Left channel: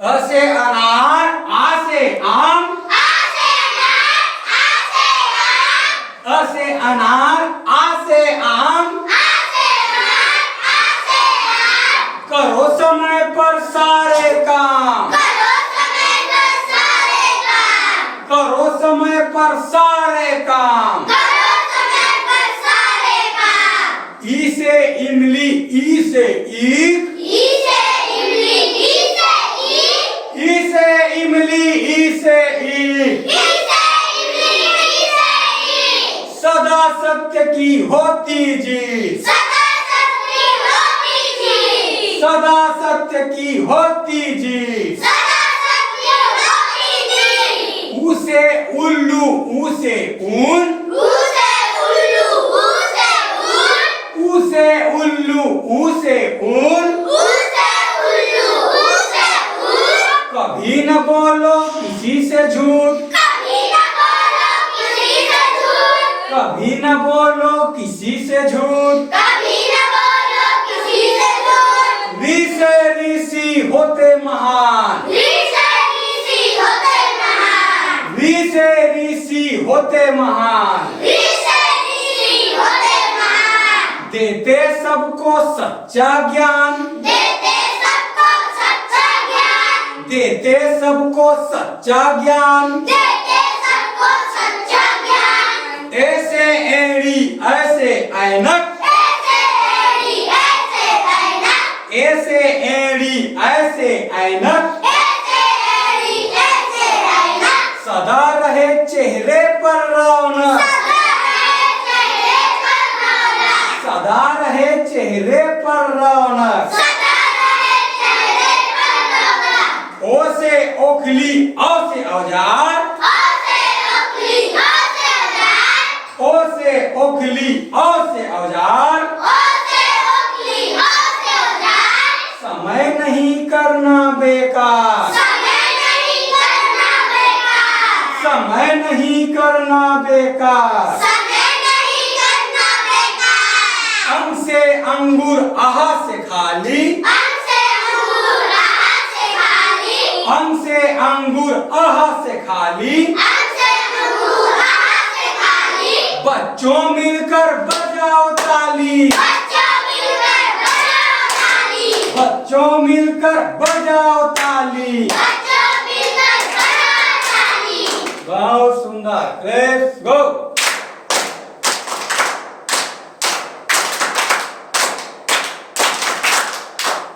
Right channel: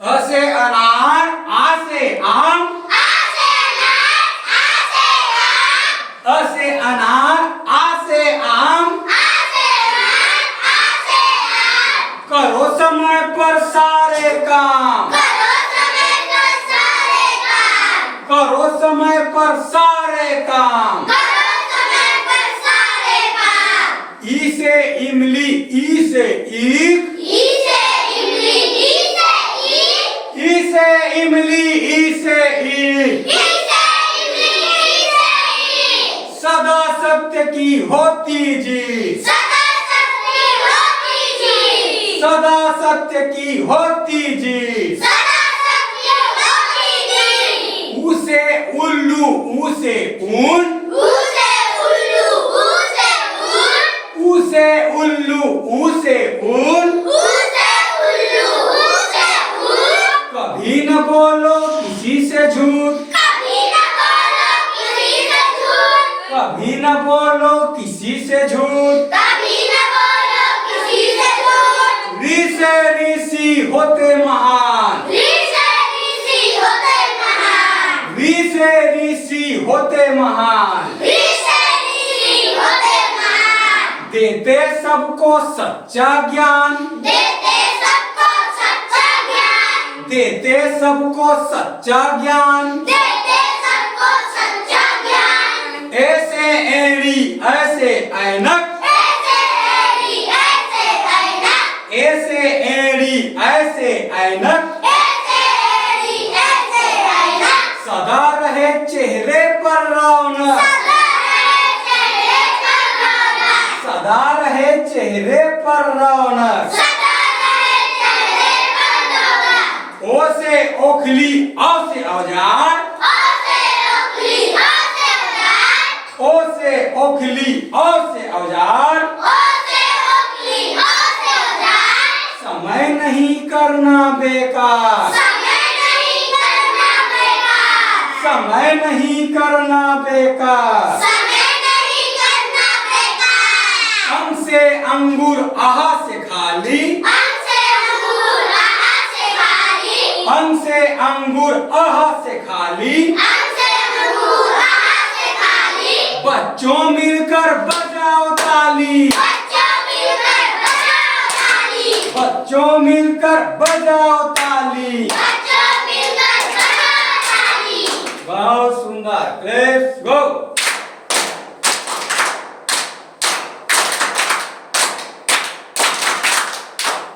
अ से अनार, आ से आम, अ से अनार, आ से आम, करो समय पर सारे काम, करो समय पर सारे काम। ई से इमली, ई से ईख, ई से इमली, ई से ईख, सदा सत्य की होती जीत, सदा सत्य की होती जीत। ऊ से उल्लू, ऊ से ऊन, ऊ से उल्लू, ऊ से ऊन, कभी न बोलो किसी से झूठ, कभी न बोलो किसी से झूठ। ऋ से ऋषि होते महान, ऋ से ऋषि होते महान, देते सबको सच्चा ज्ञान, देते सबको सच्चा ज्ञान। ऐसे एड़ी, ऐसे ऐनक, ऐसे एड़ी, ऐसे ऐनक, सदा रहे चेहरे पर रौनक, सदा रहे चेहरे पर रौनक। ओ से ओखली, औ से औजार, ओ से ओखली, औ से औजार, समय नहीं करना बेकार, समय नहीं करना बेकार। अंग से अंगूर, आह से खाली, अंग से अंगूर, आह से खाली, बच्चों मिलकर बजाओ ताली, बच्चों मिलकर बजाओ ताली। बहुत सुंदर, लेट्स गो।